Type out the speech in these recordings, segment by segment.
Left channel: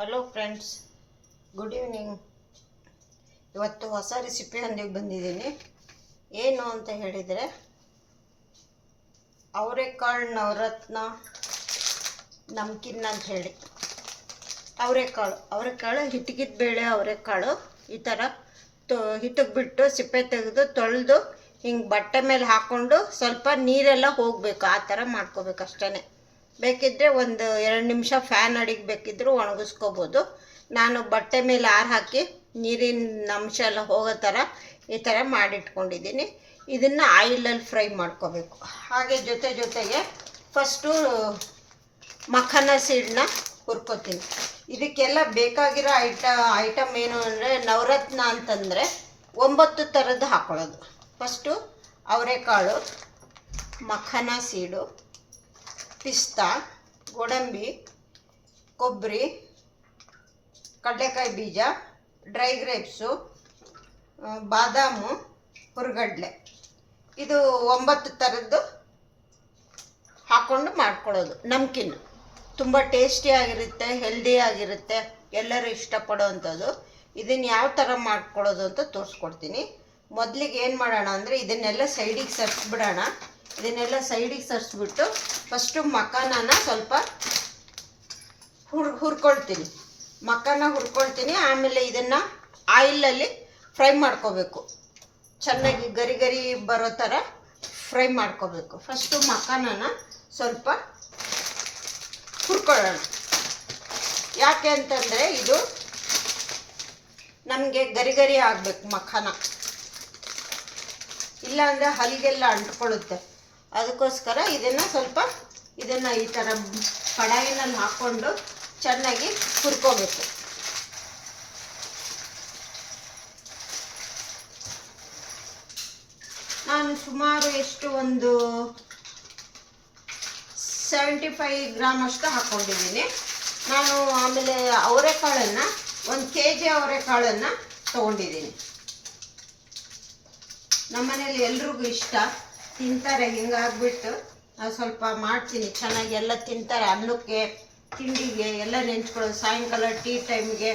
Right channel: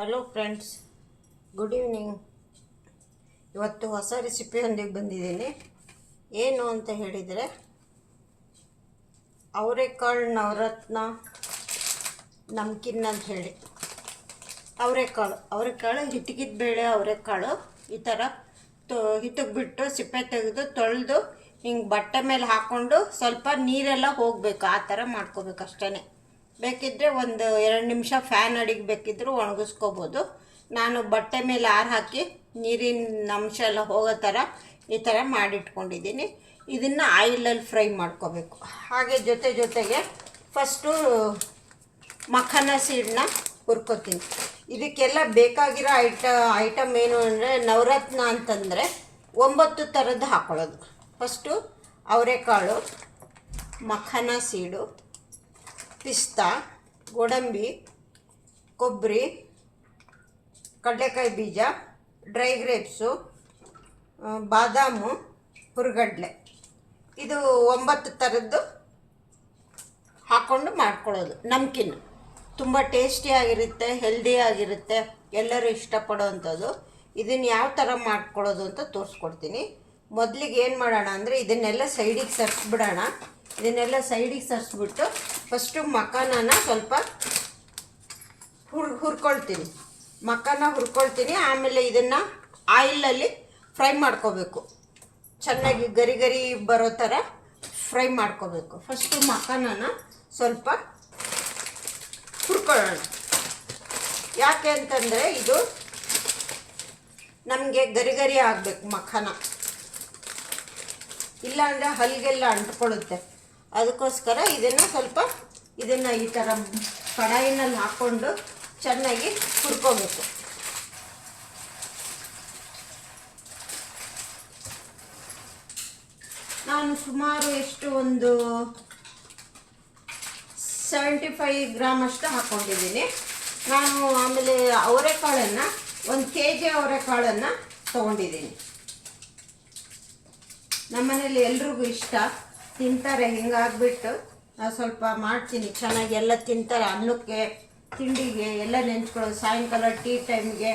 Hello friends good evening ಇವತ್ತು ಹೊಸ ರೆಸಿಪಿಯೊಂದಿಗೆ ಬಂದಿದ್ದೀನಿ. ಏನು ಅಂತ ಹೇಳಿದರೆ, ಅವರೆಕಾಳು ನವರತ್ನ ನಮ್ಕಿನ್ ಅಂತ ಹೇಳಿ. ಅವರೆಕಾಳು. ಅವರೆಕಾಳು ಹಿಟ್ಟಿಗಿದ್ದ ಬೇಳೆ ಅವರೆಕಾಳು ಈ ಥರ ತೊ ಹಿಟ್ಟಿಗೆ ಬಿಟ್ಟು ಸಿಪ್ಪೆ ತೆಗೆದು ತೊಳೆದು ಹಿಂಗೆ ಬಟ್ಟೆ ಮೇಲೆ ಹಾಕ್ಕೊಂಡು ಸ್ವಲ್ಪ ನೀರೆಲ್ಲ ಹೋಗಬೇಕು. ಆ ಥರ ಮಾಡ್ಕೋಬೇಕು ಅಷ್ಟೇ ಬೇಕಿದ್ದರೆ ಒಂದು ಎರಡು ನಿಮಿಷ ಫ್ಯಾನ್ ಅಡಿಗೆ ಬೇಕಿದ್ದರೂ ಒಣಗಿಸ್ಕೋಬೋದು. ನಾನು ಬಟ್ಟೆ ಮೇಲೆ ಆರು ಹಾಕಿ ನೀರಿನ ಅಂಶ ಎಲ್ಲ ಹೋಗೋ ಥರ ಈ ಥರ ಮಾಡಿಟ್ಕೊಂಡಿದ್ದೀನಿ. ಇದನ್ನು ಆಯಿಲಲ್ಲಿ ಫ್ರೈ ಮಾಡ್ಕೋಬೇಕು. ಹಾಗೆ ಜೊತೆ ಜೊತೆಗೆ ಫಸ್ಟು ಮಖನ ಸೀಡನ್ನ ಹುರ್ಕೋತೀನಿ. ಇದಕ್ಕೆಲ್ಲ ಬೇಕಾಗಿರೋ ಐಟ ಐಟಮ್ ಏನು ಅಂದರೆ ನವರತ್ನ ಅಂತಂದರೆ ಒಂಬತ್ತು ಥರದ್ದು ಹಾಕ್ಕೊಳ್ಳೋದು ಫಸ್ಟು ಅವರೆಕಾಳು, ಮಖನ ಸೀಡು ಪಿಸ್ತಾ, ಗೋಡಂಬಿ ಕೊಬ್ಬರಿ ಕಡಲೆಕಾಯಿ ಬೀಜ, ಡ್ರೈ ಗ್ರೇಪ್ಸು ಬಾದಾಮು, ಹುರ್ಗಡ್ಲೆ. ಇದು ಒಂಬತ್ತು ಥರದ್ದು ಹಾಕ್ಕೊಂಡು ಮಾಡ್ಕೊಳ್ಳೋದು ನಮ್ಕಿನ್ ತುಂಬ ಟೇಸ್ಟಿಯಾಗಿರುತ್ತೆ ಹೆಲ್ದಿಯಾಗಿರುತ್ತೆ ಎಲ್ಲರೂ ಇಷ್ಟಪಡೋವಂಥದ್ದು. ಇದನ್ನು ಯಾವ ಥರ ಮಾಡ್ಕೊಳ್ಳೋದು ಅಂತ ತೋರಿಸ್ಕೊಡ್ತೀನಿ. ಮೊದಲಿಗೆ ಏನು ಮಾಡೋಣ ಅಂದರೆ ಇದನ್ನೆಲ್ಲ ಸೈಡಿಗೆ ಸರಿಸ್ಬಿಡೋಣ. ಇದನ್ನೆಲ್ಲ ಸೈಡಿಗೆ ಸರಿಸ್ಬಿಟ್ಟು ಫಸ್ಟು ಮಕಾನನ ಸ್ವಲ್ಪ ಹುರ್, ಹುರ್ಕೊಳ್ತೀನಿ. ಮಖಾನ ಹುರ್ಕೊಳ್ತೀನಿ. ಆಮೇಲೆ ಇದನ್ನು ಆಯಿಲಲ್ಲಿ ಫ್ರೈ ಮಾಡ್ಕೋಬೇಕು. ಚೆನ್ನಾಗಿ ಗರಿ ಗರಿ ಬರೋ ಥರ ಫ್ರೈ ಮಾಡ್ಕೋಬೇಕು. ಫಸ್ಟು ಮಕಾನನ ಸ್ವಲ್ಪ ಹುರ್ಕೊಳ್ಳೋಣ. ಯಾಕೆ ಅಂತಂದರೆ ಇದು ನಮಗೆ ಗರಿ ಗರಿ ಆಗಬೇಕು ಮಖಾನ. ಇಲ್ಲಾಂದರೆ ಹಲಿಗೆಲ್ಲ ಅಂಟ್ಕೊಳ್ಳುತ್ತೆ. ಅದಕ್ಕೋಸ್ಕರ ಇದನ್ನು ಸ್ವಲ್ಪ ಇದನ್ನು ಈ ಥರ ಕಡಾಯಿನಲ್ಲಿ ಹಾಕ್ಕೊಂಡು ಚೆನ್ನಾಗಿ ಹುರ್ಕೋಬೇಕು. ನಾನು ಸುಮಾರು ಎಷ್ಟು ಒಂದು ಸೆವೆಂಟಿ ಫೈವ್ ಗ್ರಾಮ್ ಅಷ್ಟು ಹಾಕ್ಕೊಂಡಿದ್ದೀನಿ ನಾನು ಆಮೇಲೆ ಅವರೆಕಾಳನ್ನು, ಒಂದು ಕೆ ಜಿ ಅವರೆಕಾಳನ್ನು ತೊಗೊಂಡಿದ್ದೀನಿ. ನಮ್ಮನೇಲಿ ಎಲ್ರಿಗೂ ಇಷ್ಟ. ತಿಂತಾರೆ ಹಿಂಗಾಗ್ಬಿಟ್ಟು ಸ್ವಲ್ಪ ಮಾಡ್ತೀನಿ. ಚೆನ್ನಾಗಿ ಎಲ್ಲ ತಿಂತಾರೆ, ಅನ್ನಕ್ಕೆ, ತಿಂಡಿಗೆ ಎಲ್ಲ ನೆಂಚ್ಕೊಳ್ಳೋದು. ಸಾಯಂಕಾಲ ಟೀ ಟೈಮ್ಗೆ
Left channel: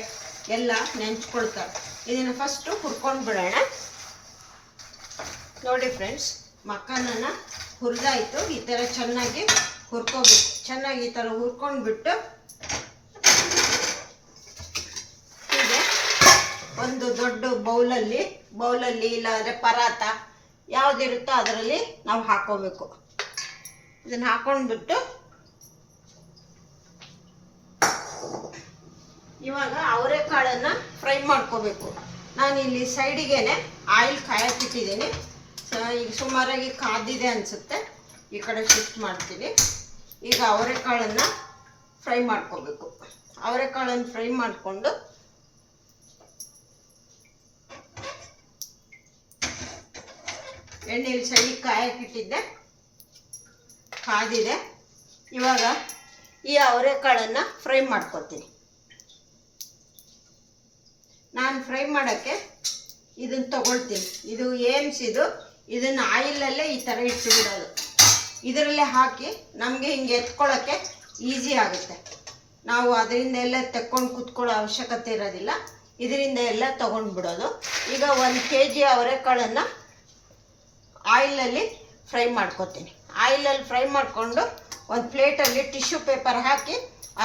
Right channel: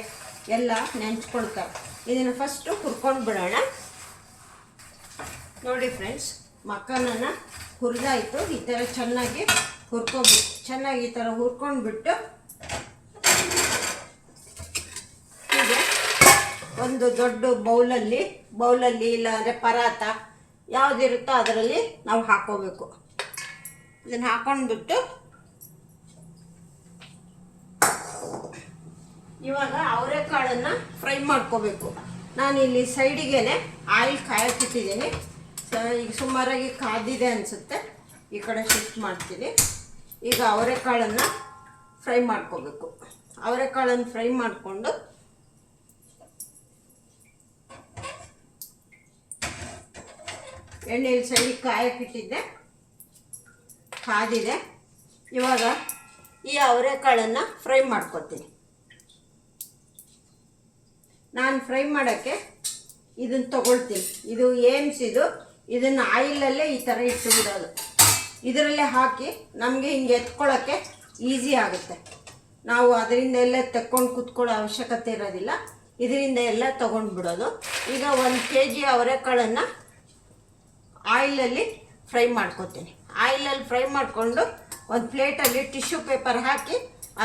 ಎಲ್ಲ ನೆಂಚ್ಕೊಳ್ತಾರೆ. ಇದನ್ನು ಫಸ್ಟು ಹುರ್ಕೊಂಡು ಬಿಡೋಣ. ನೋಡಿ ಫ್ರೆಂಡ್ಸ್ ಮಕ್ಕನನ್ನು ಹುರಿದಾಯಿತು. ಈ ಥರ ಚೆನ್ನಾಗಿ ಹುರ್ಕೊಬಿಟ್ಟು ಚೆನ್ನಾಗಿ ಈ ಥರ ಹುರ್ಕೊಂಡ್ಬಿಟ್ಟು ಒಂದು ದೊಡ್ಡ ಬೌಲಲ್ಲಿ ಬೌಲಲ್ಲಿ ಇಲ್ಲಾಂದರೆ ಪರಾತ ಯಾವುದಿರುತ್ತೋ ಅದರಲ್ಲಿ ನಾವು ಹಾಕೋಬೇಕು. ಇದನ್ನು ಹಾಕೊಂಡ್ಬಿಟ್ಟು ಇವಾಗ ಅವರೆಕಾಳನ್ನು ಫ್ರೈ ಮಾಡ್ಕೋಬೇಕು. ನಾನಿಲ್ಲಿ ಸೈಡಿಗೇನೆ ಆಯಿಲ್ ಕಾಯಕ್ಕಿಟ್ಟಿದ್ದೀನಿ. ಈಗ ಸುಮಾರಾಗಿ ಕಾದಿದೆ ಅನಿಸುತ್ತೆ. ಈ ಕಡೆ ಶಿಫ್ಟ್ ಮಾಡ್ತೀನಿ. ಈಗ ಅವರೆಕಾಳನ್ನು ಫ್ರೈ ಮಾಡ್ಕೋಬೇಕು. ಅವರೆಕಾಳನ್ನು ಫ್ರೈ ಮಾಡಿಕೊಂಡು ಎಣ್ಣೆಯಲ್ಲಿ ಸರಿ ಕಾಯಕ್ಕಿಟ್ಟಿದ್ದೆ. ಕಾದಿದೆ. ಇವಾಗ ಈ ಅವರೆಕಾಳನ್ನು ಫ್ರೈ ಮಾಡ್ಕೊತೀನಿ ನಾನು ಫ್ರೈ ಮಾಡೋಕ್ಕೆ ಇದನ್ನು ತಗೊಳ್ತೀನಿ. ಇದು ಏಮ್ಸ್ ಇದು. ಇದನ್ನು ಆಯಿಲಲ್ಲೇ ಈ ಥರ ಇಟ್ಟು ಬಿಡೋದು. ಇದರಲ್ಲೇ ಹಾಕಿ ನಮಗೆ ಹಿಂಗೆ ಎತ್ಕೊಳ್ಳೋಕ್ಕೆ ಈಸಿ ಆಗುತ್ತೆ. ನಾವು ಅದರಿಂದ ಎಲ್ಲ ತಕ್ಕೊಂಡು ಕೂತ್ಕೊಳ್ಳೋ ಅವಶ್ಯಕತೆ ಇರೋದಿಲ್ಲ. ಇದರಿಂದ ಎಲ್ಲ ತೊಗೊಂಡು ಬಿಡೋದು ಈಗ ಒಂದು ಕೆ ಜಿ ಅವರೆಕಾಳನ್ನು ಆಯಿಲಲ್ಲಿ ಫ್ರೈ ಮಾಡ್ಕೊತೀನಿ. ಆಯಿಲಲ್ಲಿ ಫ್ರೈ ಮಾಡಿಕೊಂಡು ಒಂದು ಪ್ಲೇಟಲ್ಲಿ ಟಿಶ್ಯೂ ಪೇಪರ್ ಹಾಕಿ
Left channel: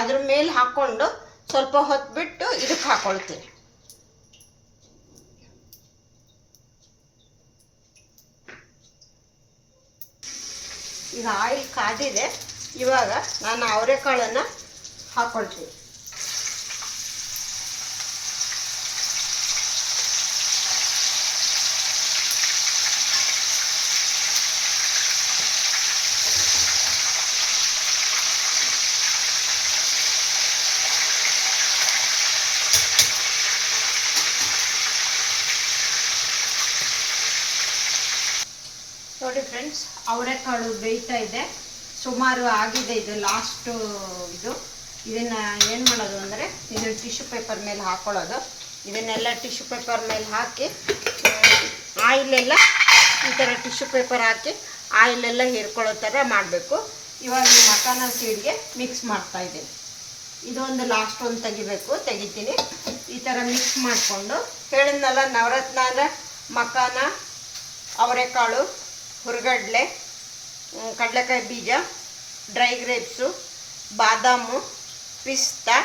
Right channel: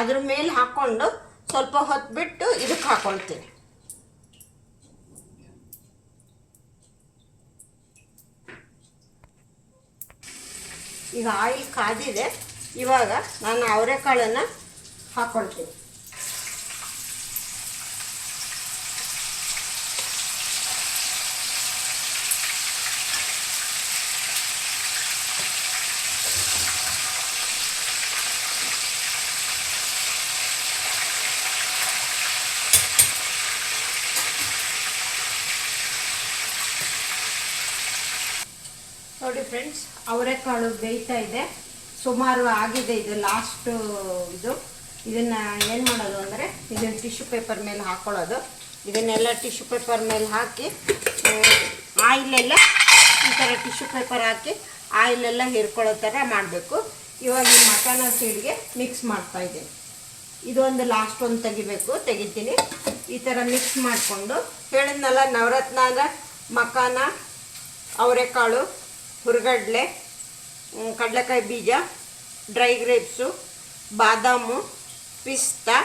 ಅದ್ರ ಮೇಲೆ ಹಾಕ್ಕೊಂಡು ಸ್ವಲ್ಪ ಹೊತ್ತು ಬಿಟ್ಟು ಇದಕ್ಕೆ ಹಾಕ್ಕೊಳ್ತೀನಿ ಈಗ ಆಯಿಲ್ ಕಾದಿದೆ. ಇವಾಗ ನಾನು ಅವರೆಕಾಳನ್ನು ಹಾಕ್ಕೊಳ್ತೀನಿ ನೋಡಿ ಫ್ರೆಂಡ್ಸ್ ಅವರೆಕಾಳು ಬೇಯ್ತಾ ಇದೆ. ಸುಮಾರು ಆಗಿದೆ ಇದು ಲಾಸ್ಟು ಇದು. ಇದನ್ನು ಏನು ಮಾಡೋದು ಅಂದರೆ ಇದನ್ನು ಟಿಶ್ಯೂ ಪೇಪರ್ ಮೇಲೆ ಹಾಕ್ಕೊಳ್ಳೋದು ಇದನ್ನೆಲ್ಲ ಟಿಶ್ಯೂ ಪೇಪರ್ ಮೇಲೆ ಹಾಕಿ ಆಯಿಲೆಲ್ಲ ಈ ಥರ ಟಿಶ್ಯೂ ಪೇಪರ್ ಹಾಕಿ ಆಯಿಲೆಲ್ಲ ಹೀರ್ಕೊಳ್ಳೋ ಥರ ಮಾಡಬೇಕು. ಇವಾಗ ಮಸಾಲ ಸೀಡ್ಗೆ ಮಿಕ್ಸ್ ಮಾಡ್ತಾ ಇದ್ದೀನಿ. ಇದೊಂದು ಲಾಸ್ಟ್ ಒಂದು ತೆಗಿಬೇಕು, ತೆಗಿತೀನಿ. ಈ ಥರ ಮಿಕ್ಸ್ ಮಾಡಿಕೊಂಡು ಹೇಳಿದ್ನಲ್ಲ ನವರತ್ನ ಅಂದರೆ ಮಕಾನ ಅವರೆಕಾಳು. ಹುರ್ಗಡ್ಲೆ ಕಡಲೆಕಾಯಿ ಬೀಜ, ಡ್ರೈ ಗ್ರೇಪ್ಸು, ಬಾದಾಮು, ಪಿಸ್ತಾ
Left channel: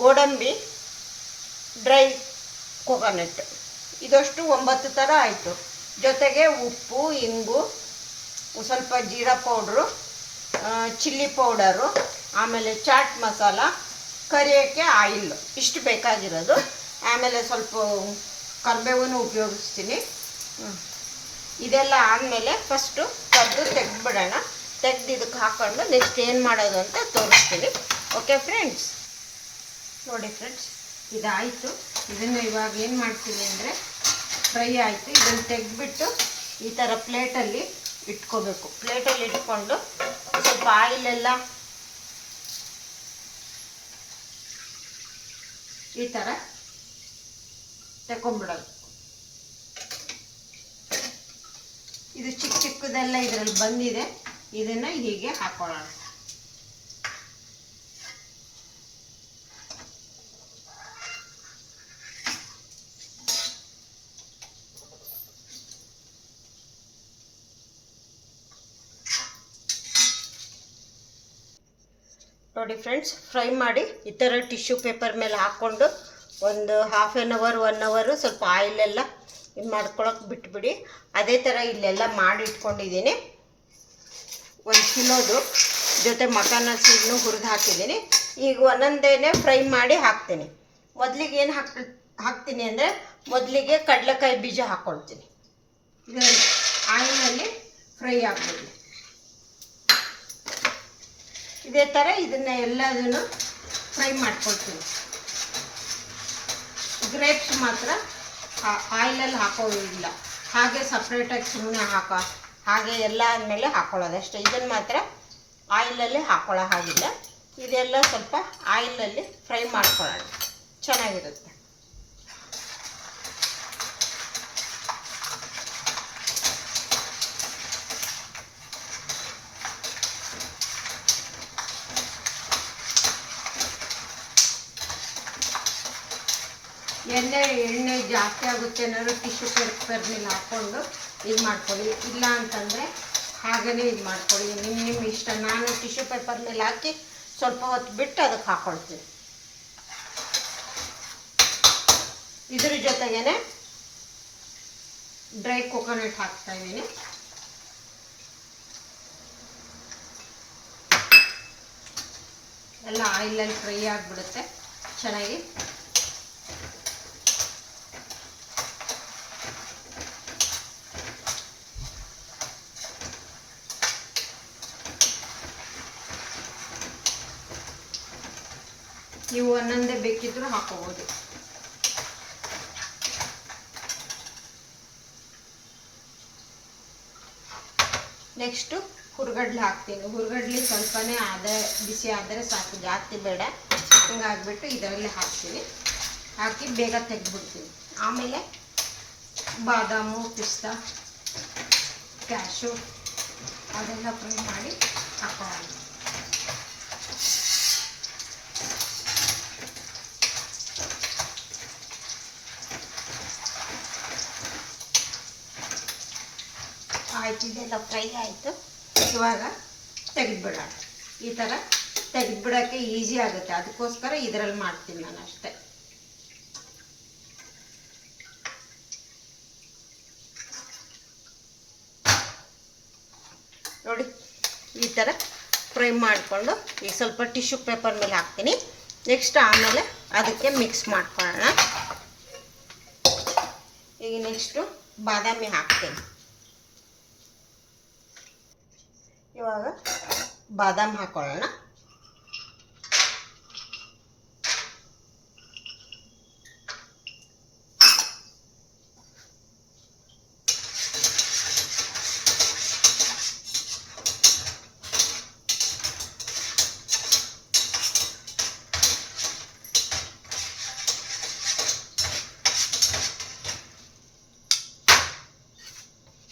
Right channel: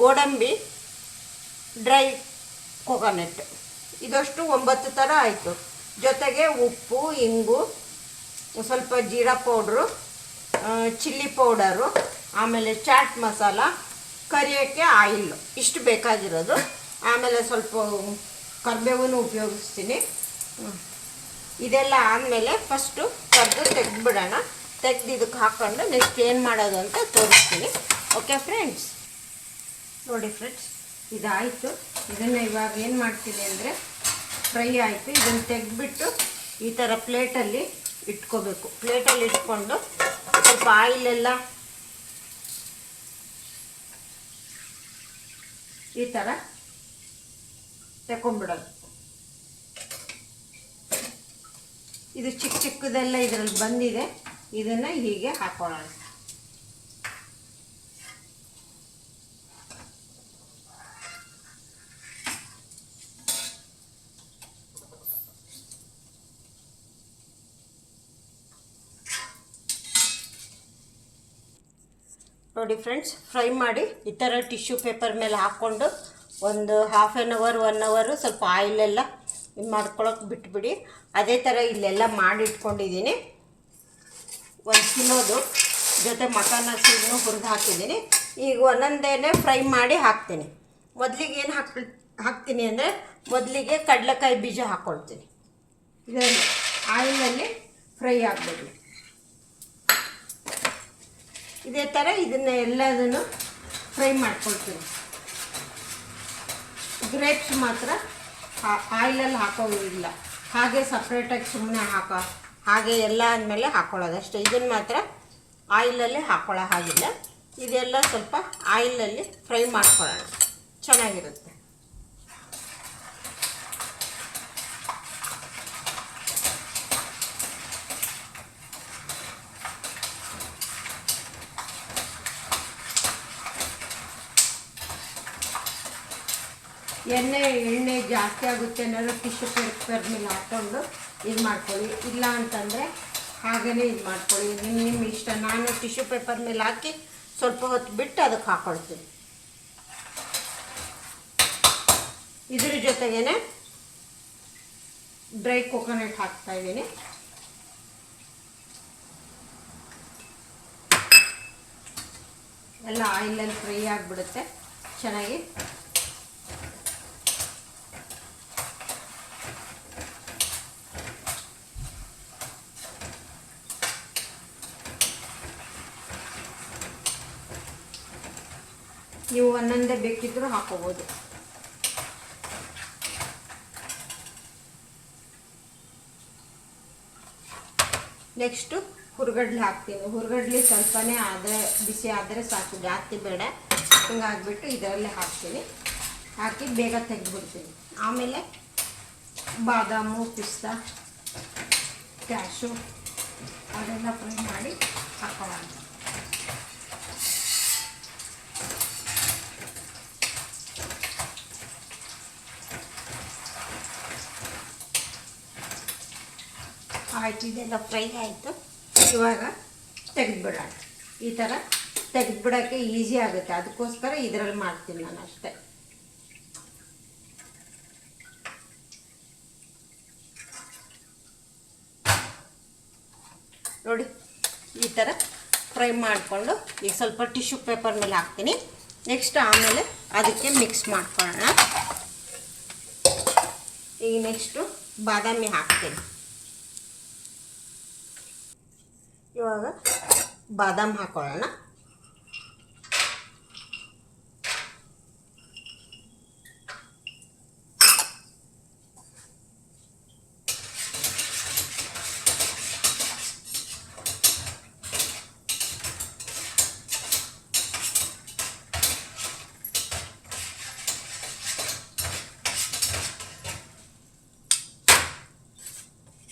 ಗೋಡಂಬಿ, ಡ್ರೈ ಕೊಕೊನಟ್. ಇದಷ್ಟು ಒಂಬತ್ತು ಥರ ಆಯಿತು. ಜೊತೆಗೆ ಉಪ್ಪು, ಇಂಗು, ಸ್ವಲ್ಪ ಜೀರಾ ಪೌಡ್ರು ಚಿಲ್ಲಿ ಪೌಡರು, ಆಮೇಲೆ ಚಾಟ್ ಮಸಾಲ, ಕರಿಯೋಕ್ಕೆ ಆಯಿಲ್. ಇಷ್ಟು ಬೇಕಾಗಿರೋದು. ಆಮೇಲೆ ಸ್ವಲ್ಪ ಕರಿಬೇವನ್ನು ಉಪಯೋಗಿಸ್ತೀನಿ. ಇದೆಲ್ಲ ಆದಮೇಲೆ ಫಸ್ಟು ಕದ್ದು ತೆಗೆದ್ಬಿಡೋಣ. ತೆಗ್ದು ಇದಕ್ಕೆ ಹಾಕ್ಕೊಂಡು ನೆಕ್ಸ್ಟ್ ಏನು ಮಾಡೋದು ಅಂತ ತೋರಿಸ್ತೀನಿ. ಓಕೆ ಫ್ರೆಂಡ್ಸ್ ನೋಡಿ ಫ್ರೆಂಡ್ಸ್ ಇದಾಯಿತು. ಇದನ್ನು ಇವಾಗ ಏನು ಮಾಡ್ತೀನಿ ಅಂದರೆ ಫ್ರೈ ಆಯಿತು. ಇದನ್ನು ತೆಗೆದ್ಬಿಟ್ಟು ಈ ಥರ ಪ್ಲೇಟಲ್ಲಿ ಇಟ್ಕೋಬೇಕು. ಪ್ಲೇಟಲ್ಲಿ ಇಟ್ಕೊಂಡು ಸ್ವಲ್ಪ ಆಯಿಲೆಲ್ಲ ಈ ಥರ ತಗೊಂಡ್ಬಿಡೋದು ಇದು ಚಿಕ್ಕ ಚಿಕ್ಕದೆಲ್ಲ ಇದರಲ್ಲಿ ಬಂದಿದೆ. ಇದನ್ನು ಹೀಗೆ ಹಾಕೊಳ್ಳೋಣ. ನೋಡಿ ಫ್ರೆಂಡ್ಸ್, ಫ್ರೈ ಮಾಡಿ ಈ ಥರ ಟಿಶ್ಯೂ ಪೇಪರ್ ಮೇಲೆ ಹಾಕ್ಕೊಂಡು ಒಂದು ಹಾಫ್ ಆನ್ ಅವರ್ ಒನ್ ಅವರು ಸ್ವಲ್ಪ ಆಯಿಲೆಲ್ಲ ಇದು ಮಾಡ್ಕೊಳಕ್ಕೆ ಬಿಟ್ಬಿಡಿ. ಅದೇ ಥರ ಇಲ್ಲೆಲ್ಲ ಮಾಡಿ ಇಟ್ಕೊಂಡಿದ್ದೀನಿ. ಒಂದು ತಿನ್ನೋದು ಜೊತೆ ಮಟನ್ ಸೀಡ್ನು ಹುರಿದು ಹಾಕಿದ್ದೀನಿ. ಈಗ ಒಂದೊಂದೇನೆ ಫ್ರೈ ಮಾಡಿ ಹಾಕ್ತೀನಿ. ಮೊದಲಿಗೆ ಏನು ಹಾಕ್ ಹಾಕ್ತೀನಿ ಅಂದರೆ ಮೊದಲಿಗೆ ಕಡಲೆಕಾಯಿ ಬೀಜ ಹಾಕ್ಕೊಳ್ತೀನಿ ಇದರಲ್ಲಿ ಆಯಿಲಲ್ಲಿ ಫ್ರೈ ಆಗಬೇಕು ಇದೇ ಥರ ಇದನ್ನು ಎಲ್ಲದನ್ನು ಫ್ರೈ ಮಾಡ್ಕೊಳ್ತೀನಿ. ಗ್ರೇಪ್ಸ್ ಮಾತ್ರ ಆಯಿಲಲ್ಲಿ ಹಾಕೋದಿಲ್ಲ ಹಾಗೆ ಸಪ್ರೇಟಾಗಿ ಸುಮ್ಮನೆ ಹಾಕೋ ಹಾಗೆ ಎಲ್ಲ ಆದಮೇಲೆ ಹಾಕ್ಕೊಳ್ಳೋದು ಅಷ್ಟೇ. ಇದನ್ನು ಮಾತ್ರ ಆಯಿಲಲ್ಲಿ ಹಾಕ್ಕೊಳ್ಳೋ ಹಾಗಿಲ್ಲ. ಇದೆಲ್ಲ ಸ್ವಲ್ಪ ಆಯಿಲಲ್ಲಿ ಫ್ರೈ ಮಾಡ್ಕೊಳ್ಳೋಣ. ಚೆನ್ನಾಗಿರುತ್ತೆ. ಎಣ್ಣೆ ಎಣ್ಣೆ ಜಾಸ್ತಿ ಆಗುತ್ತೆ ಅನ್ನೋದು ಟಿಶ್ಯೂ ಪೇಪರ್ ಮೇಲೆ ಹಾಕ್ಕೊಂಡು ಇದು ಮಾಡ್ಕೊಳ್ಳಿ. ಇಲ್ಲ ಅಂತಂದರೆ ಹಾಗೇ ಇದು ಮಾಡ್ಕೊಳ್ಳಿ. ನಿಮ್ಮ ನಿಮ್ಮ ಇಷ್ಟ. ನಾನು ಟಿಶ್ಯೂ ಪೇಪರ್ ಮೇಲೆ ಹಾಕಿ ಸ್ವಲ್ಪ ಹೊತ್ತು ಬಿಟ್ಟು ಅದಕ್ಕೆ ಹಾಕ್ಕೊಳ್ತೀನಿ ಇದ್ರ ಜೊತೆಗೇನೆ ಡ್ರೈ ಕೊಕೊನಟ್ ಹಾಕ್ತಾ ಇದ್ದೀನಿ. ಎಲ್ಲ ಆಯಿಲಲ್ಲಿ ಫ್ರೈ ಆಗಿಬಿಡುತ್ತೆ. ಚೆನ್ನಾಗಿ ನೀವು ಒಂದೊಂದೇ ಬೇಕಿದ್ರೂ ಹಾಕೋಬೋದು. ನೆಕ್ಸ್ಟು ಹುರ್ಗಡ್ಲೆ ಹಾಕ್ತೀನಿ. ಹುರ್ಗಡ್ಲೆ ಸ್ವಲ್ಪನೇ ಆದರೆ ಬಿಸಿ ಆದರೆ ಸಾಕು, ಜಾಸ್ತಿ ಬೇಡ. ಹಿಂಗಾಗ್ಬಿಟ್ಟು ಇದರಲ್ಲೇ ಹಾಕ್ತೀನಿ. ಹಾಕಿ ಬೇಗ ತೆಗೆದ್ಬಿಡ್ತೀನಿ. ಆಮೇಲೆ ಬಾದಾಮು, ಪಿಸ್ತಾ ಕ್ಯಾಶು ಅದೆಲ್ಲ ಫ್ರೈ ಮಾಡಿ ಹಾಕೊಳ್ಳೋಣ ಆಯಿತು ಇದೆಲ್ಲ ಫ್ರೈ ಆಯಿತು. ಇವಾಗ ತೆಗೆದುಬಿಡೋಣ. ಈ ಥರ ತೆಗೆದುಬಿಡೋಕ್ಕೆ ಈಸಿ ಆಗುತ್ತೆ. ಅದಕ್ಕೋಸ್ಕರ ಇದರಲ್ಲಿ ಮಾಡ್ತೀನಿ ನಾನು ಅಷ್ಟೇ. ನೋಡಿ, ಈ ಥರ ಫ್ರೈ ಮಾಡಿಕೊಂಡು ಈಗ ಸ್ವಲ್ಪ ಟಿಶ್ಯೂ ಪೇಪರ್ ಮೇಲೆ ಹಾಕ್ತೀನಿ. ನೆಕ್ಸ್ಟ್ ಆಮೇಲೆ ಅದಕ್ಕೆ ಮಿಕ್ಸ್ ಮಾಡ್ಕೊಳ್ಳೋಣ. ಈಗ ನೆಕ್ಸ್ಟು ಬಾದಾಮಿ ಹಾಕ್ತೀನಿ. ಇವಾಗ ಬಾದಾಮ್ ಹಾಕೊಳ್ಳೋಣ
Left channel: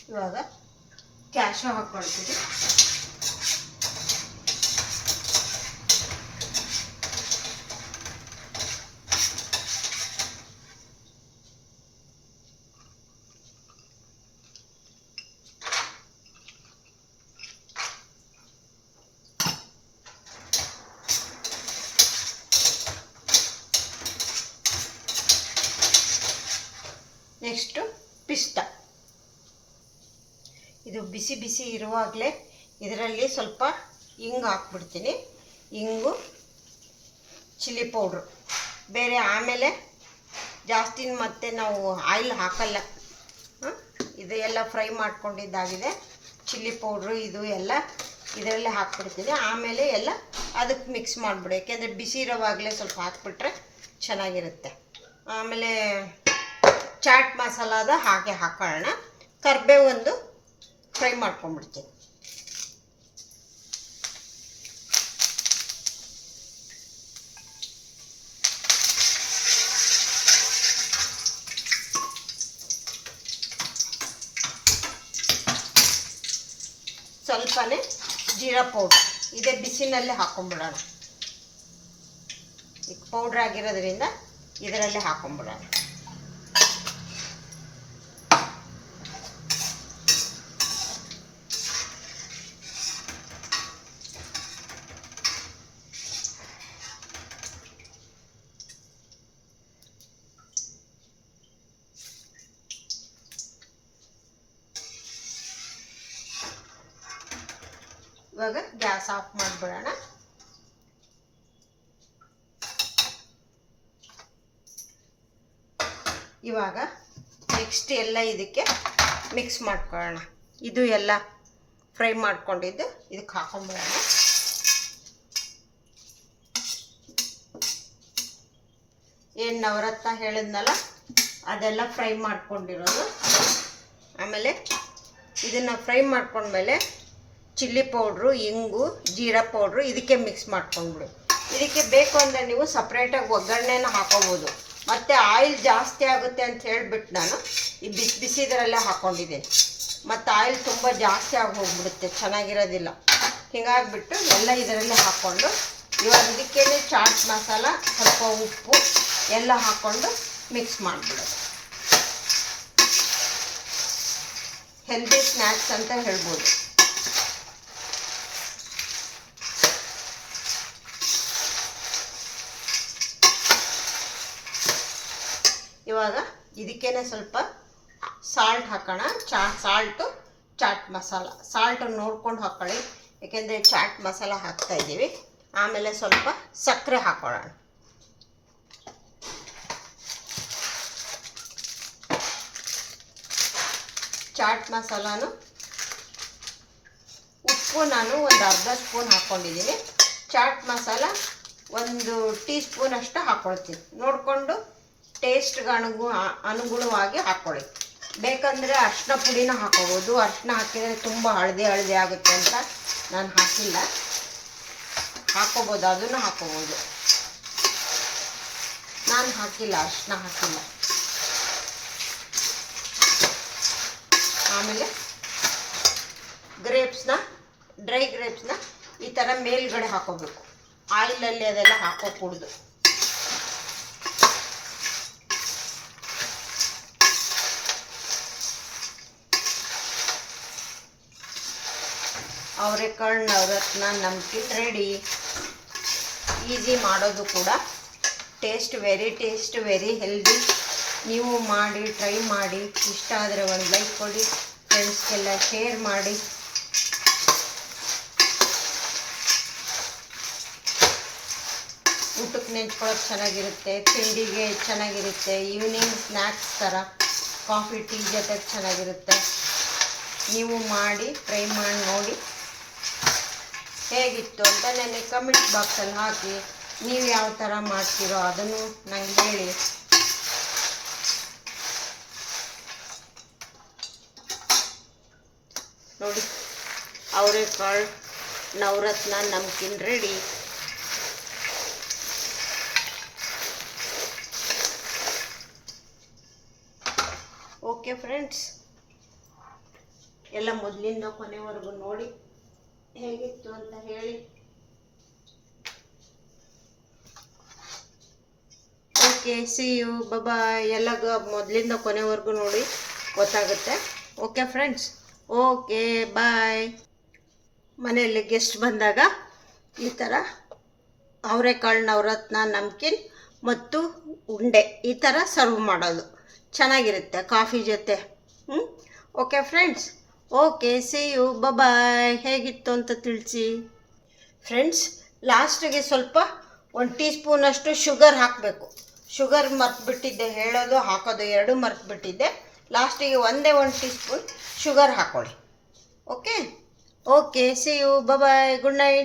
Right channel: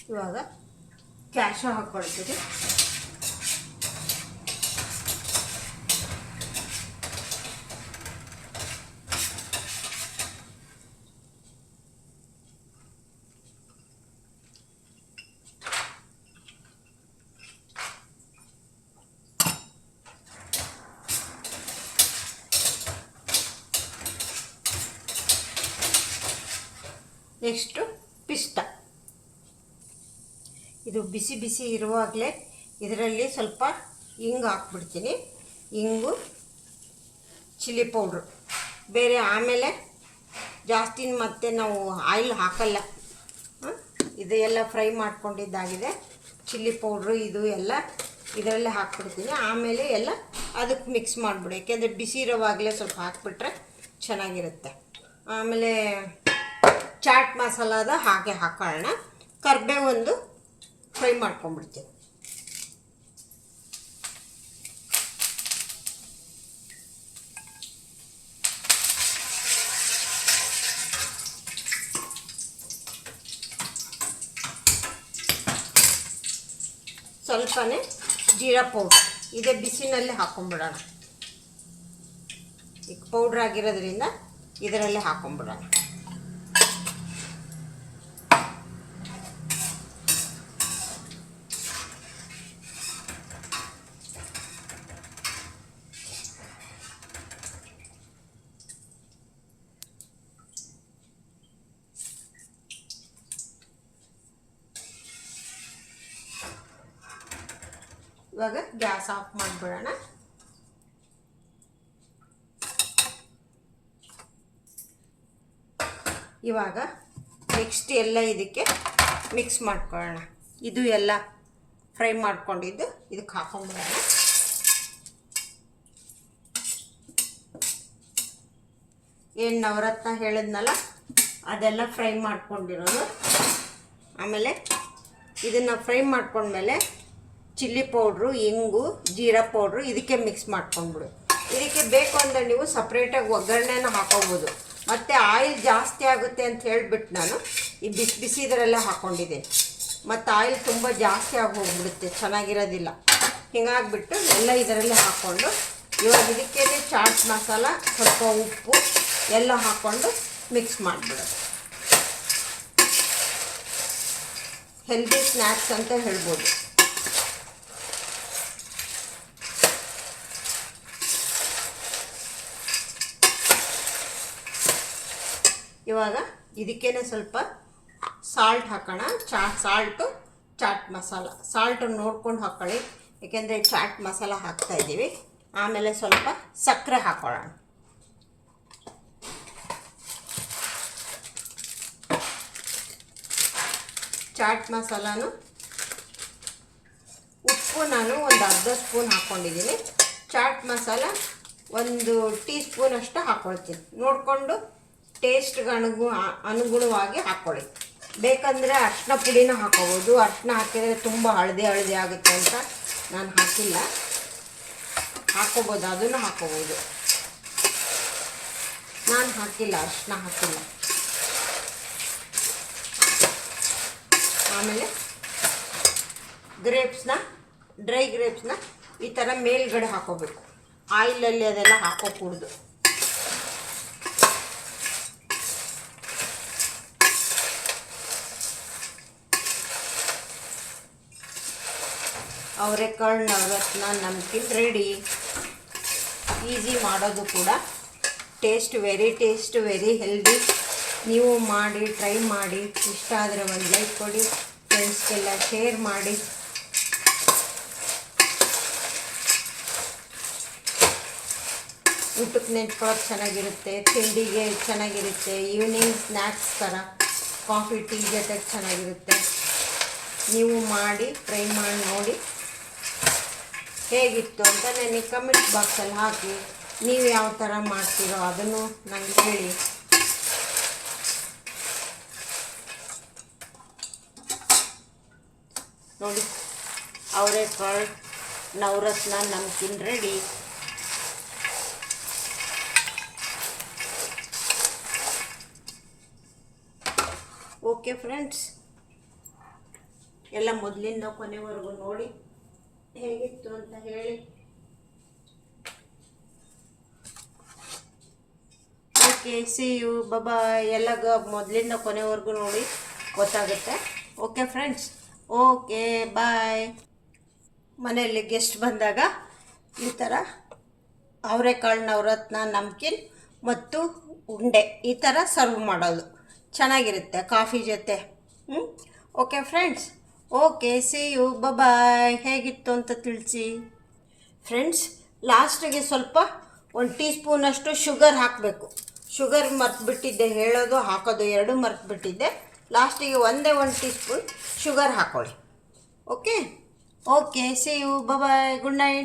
ಇವಾಗ ಕ್ಯಾಶು ಹಾಕ್ಕೊಳ್ತೀವಿ ನೆಕ್ಸ್ಟು ಪಿಸ್ತ. ಇದು ಬಿಸಿ ಬಿಸಿ ಇರುವಾಗಲೇ ಇದರಲ್ಲಿ ಸ್ವಲ್ಪ ಇಂಗು ಹಾಕ್ಬಿಡ್ತೀನಿ. ಇಂಗು, ಚಿಲ್ಲಿ ಪೌಡ್ರು. ಬೇರೆ ಆಮೇಲೆ ಜಾಸ್ತಿ ಮತ್ತೆ ನಾವು ಆಯಿಲ್ ಹಾಕಲ್ಲ. ಇದೆಲ್ಲ ಫ್ರೈ ಮಾಡ್ಕೊಂಡಿದ್ದಾಗಿದೆ. ಚಿಲ್ಲಿ ಪೌಡ್ರು, ಇದು ಎಲ್ಲ ಇದರಲ್ಲಿ ಹಾಕ್ಬಿಡ್ತೀನಿ. ಆಮೇಲೆ ಎಲ್ಲ ಅದಕ್ಕೆ ಮಿಕ್ಸ್ ಮಾಡಿಬಿಡು. ಯಾಕೆಂದರೆ ಬಿಸಿ ಇರೋವಾಗಲೇ ಸ್ವಲ್ಪ ಹಾಕ್ಬಿಟ್ರೆ ಚೆನ್ನಾಗಿರುತ್ತೆ. ಆಮೇಲೆ ಚಾಟ್ ಮಸಾಲಾದ ಹಾಗೆ ಹಾಕೋಣ ಕರ್ಬೆ ಒಂದು ಫ್ರೈ ಮಾಡ್ಕೊಂಬಿಡ್ತೀನಿ ಸ್ವಲ್ಪನೇ ಜೀರಾ ಪೌಡ್ರ್. ಇದೇ ಬಿಸಿನಲ್ಲೇ ಹಾಕೊಂಡ್ಬಿಡೋಣ. ಈಗ ಪೌಡ್ರ್ ಆಗಿರೋದ್ರಿಂದ ಇದರಲ್ಲೇ ಹಾಕೊಂಡ್ಬಿಡೋಣ. ಗ್ಯಾಸ್ ಆಫ್ ಮಾಡಿಬಿಡೋಣ. ಇವಾಗ ನೆಕ್ಸ್ಟ್ ಎಲ್ಲ ಇದಕ್ಕೆ ಮಿಕ್ಸ್ ಮಾಡ್ಕೊಳ್ಳೋಣ. ಇದು ಎಲ್ಲ ಫ್ರೈ ಮಾಡ್ಕೊಂಡಿದ್ದು ಇದಕ್ಕೆ ಹಾಕೊಂಡ್ಬಿಡೋಣ. ಏನು ನವರತ್ನ ಹೇಳಿದ್ನಲ್ಲ, ಅದೆಲ್ಲ ಫ್ರೈ ಮಾಡ್ಕೊಂಡಿರೋದು. ಆಮೇಲೆ ಇದನ್ನು ಫ್ರೈ ಮಾಡ್ಕೊಂಡ್ಮೇಲೆ ಚಿಲ್ಲಿ ಪೌಡ್ರು, ಇಂಗು, ಜೀರಾ ಪೌಡ್ರು ಇದಕ್ಕೆ ಮಿಕ್ಸ್ ಮಾಡ್ಕೊಂಡ್ಬಿಡು. ಇದಕ್ಕೆ ಬೇಕು ಅಂದರೆ ನೀವು ಸಪ್ರೇಟಾಗಿ ಒಗ್ಗರಣೆನ ಹಾಕೋಬೋದು. ಮತ್ತು ಆಯಿಲ್ ಜಾಸ್ತಿ ಆಗುತ್ತೆ ಅಂತ ಹೇಳಿಬಿಟ್ಟು ನಾನು ಈ ಬಿಸಿ ಬಿಸಿ ಇದರಲ್ಲೇ ಹಾಕ್ಕೊಂಡಿದ್ದೆ ಮತ್ತು ಆಯಿಲ್ ತುಂಬ ಜಾಸ್ತಿ ಆಗಿ ಹೋಗ್ಬಿಡುತ್ತೆ, ಚೆನ್ನಾಗಿರೋದಿಲ್ಲ. ಹಿಂಗಾಗ್ಬಿಟ್ಟು ಎಲ್ಲ ಇದರಲ್ಲೇ ಹಾಕ್ಕೊಂಡು ಇವಾಗ ಇದಕ್ಕೆ ಚಾಟ್ ಮಸಾಲ, ಸ್ವಲ್ಪ ಉಪ್ಪು ಎಲ್ಲ ಹಾಕ್ಕೊಂಡು ಮಿಕ್ಸ್ ಮಾಡಿಬಿಡೋದು. ಹೆಲ್ದಿ ಸ್ನ್ಯಾಕ್ಸ್ ಅಂತ ಹೇಳ್ಬೋದು. ಇವಾಗ ಇದಕ್ಕೇನೆ ಸ್ವಲ್ಪ ಸಾಲ್ಟ್ ಹಾಕೋಣ. ಚಾ ಸಾಲ್ಟು ಚಾಟ್ ಮಸಾಲ ಸಾಲ್ಟು ನೋಡ್ಕೊಂಡು ಹಾಕ್ಕೊಳ್ಳಿ ಏಕೆಂದರೆ ಚಾಟ್ ಮಸಾಲ ಹಾಕ್ತಾ ಇದ್ದೀವಿ. ಆಮೇಲೆ ಸ್ವಲ್ಪ ಸಕ್ಕರೆ ಹಾಕ್ಕೊಳ್ಳೋಣ ಚಾಟ್ ಮಸಾಲಾನು ಉಪ್ಪು ನಾನು ಒಂದು ಅರ್ಧ ಸ್ಪೂನ್ ಹಾಕ್ಕೊಂಡಿದ್ದೀನಿ ಚಾಟ್ ಮಸಾಲ ಒಂದು ಟೀ ಸ್ಪೂನ್ ಅಷ್ಟು ಹಾಕ್ಕೊಳ್ತೀನಿ ನೋಡಿಕೊಂಡು ಟೇಸ್ಟ್ಗೆ ಅನುಗು ಅನುಗುಣವಾಗಿ ಹಾಕ್ಕೊಳ್ಳಿ ಬೇಕಂದರೆ ಅರ್ಶಿನ ಪುಡಿನ ಹಾಕೋಬೋದು. ಅರ್ಶಿನ ಹಾಕಿದರೆ ತುಂಬ ಹಳದಿ ಹಳದಿ ಆಗುತ್ತೆ ಅಂತ ನಾನು ಹಾಕಿಲ್ಲ. ಹಾಕೋಬೋದು, ಅದನ್ನು ಹಾಕೋಬೋದು. ನಾನು ಹಾಕಿಲ್ಲ ಅರ್ಶಿನ ಹಾಕಿಲ್ಲ. ಆಮೇಲೆ ಗ್ರೇಪ್ಸ್ನ ಡ್ರೈ ಗ್ರೇಪ್ಸ್ನ ಈ ಥರ ಮೇಲ್ಗಡೆ ಹಾಕೋಬೇಕು. ಆಯಿಲಲ್ಲಿ ಅದೆಲ್ಲ ಹಾಕೋಕೂಡ್ದು. ಅವರೆಕಾಳು ನವರತ್ನ ನಮಗೆ ರೆಡಿ ಈಸಿ ಮಾಡೋದು ಕೂಡ. Taste very taste very healthy ನೀವು ಮಾಡಿ ಟ್ರೈ ಮಾಡಿ. ಇಷ್ಟ ಆದರೆ ಒಂದು ಲೈಕ್ ಕೊಡಿ. ಫ್ರೆಂಡ್ಸ್ಗೆಲ್ಲ ಶೇರ್ ಮಾಡಿ. ಊಟಕ್ಕೆ ನೆಂಚ್ಕೊಳ್ಳೋಕೆ ಚೆನ್ನಾಗಿರುತ್ತೆ, ತಿಂಡಿಗೆ ಚೆನ್ನಾಗಿರುತ್ತೆ ಈವ್ನಿಂಗ್ ಸ್ನ್ಯಾಕ್ಸ್ ಥರ ಕಾಫಿ ಟೀ ಜೊತೆಗೆ ಚೆನ್ನಾಗಿರುತ್ತೆ. ನೀವು ಮಾಡಿ ಟ್ರೈ ಮಾಡಿ, ನೋಡಿ. ಹೇಗಿತ್ತು ಅಂತ ನನಗೆ ಕಮೆಂಟ್ ಬಾಕ್ಸಲ್ಲಿ ಹಾಕಿ. ನೀವು ಯಾವ ಥರ ಮಾಡ್ತೀರೋ ಅದನ್ನು ನನಗೆ ಹೇಳಿ. ನೋಡಿ ಅವರೆಕಾಳು Navratna namkeen ready okay friends ಎಲ್ಲ ಮೊದಲಿಂದ ಕೊನೆವರೆಗೂ ನೋಡಿ. ಹೇಗಿತ್ತು ಅಂತ ಹೇಳಿ. ಓಕೆ ಸಿ ಯು ಬಾಬಾ ಎಲ್ಲ ಮೊದಲಿಂದ ಕೊನೆವರೆಗೂ ನೋಡಿ ಗೊತ್ತಾಗುತ್ತೆ. ಓಕೆ ಫ್ರೆಂಡ್ಸ್ ಓಕೆ ಬಾಯ್ ಮನೆಯಲ್ಲಿ ಗೆಸ್ಟ್ ಬಂದಾಗ ಈ ಥರ ಅವರೆಕಾಳು, ನವರತ್ನ, ನಮ್ಕಿನ್ ಮತ್ತು ಉಂಡೆ ಈ ಥರ ಸರ್ವ್ ಮಾಡೋದು. ಚೆನ್ನಾಗಿರುತ್ತೆ ಕಾಫಿ ಜೊತೆ. ಹ್ಞೂ okay friends okay see you bye ಹೇಗಿತ್ತು ಅಂತ ತಿಳಿಸಿ. ಫ್ರೆಂಡ್ಸ್ ಲಾಸ್ಟಿಗೆ ಸ್ವಲ್ಪ ಒಂದು ಟೀ ಸ್ಪೂನಷ್ಟು ಶುಗರ್ ಹಾಕಬೇಕು. ಶುಗರ್ ಮರ್ತುಬಿಟ್ಟಿದ್ದೆ, ಹೇಳೋದು, ಹಾಕೋದು ಎರಡು ಮರ್ತುಬಿಟ್ಟಿದ್ದೆ. ಲಾಸ್ಟಿಗೆ ಒಂದೇ ಒಂದು ಟೀ ಸ್ಪೂನ್ ಶುಗರ್ ಹಾಕ್ಕೊಳ್ಳಿ okay okay see you bye good night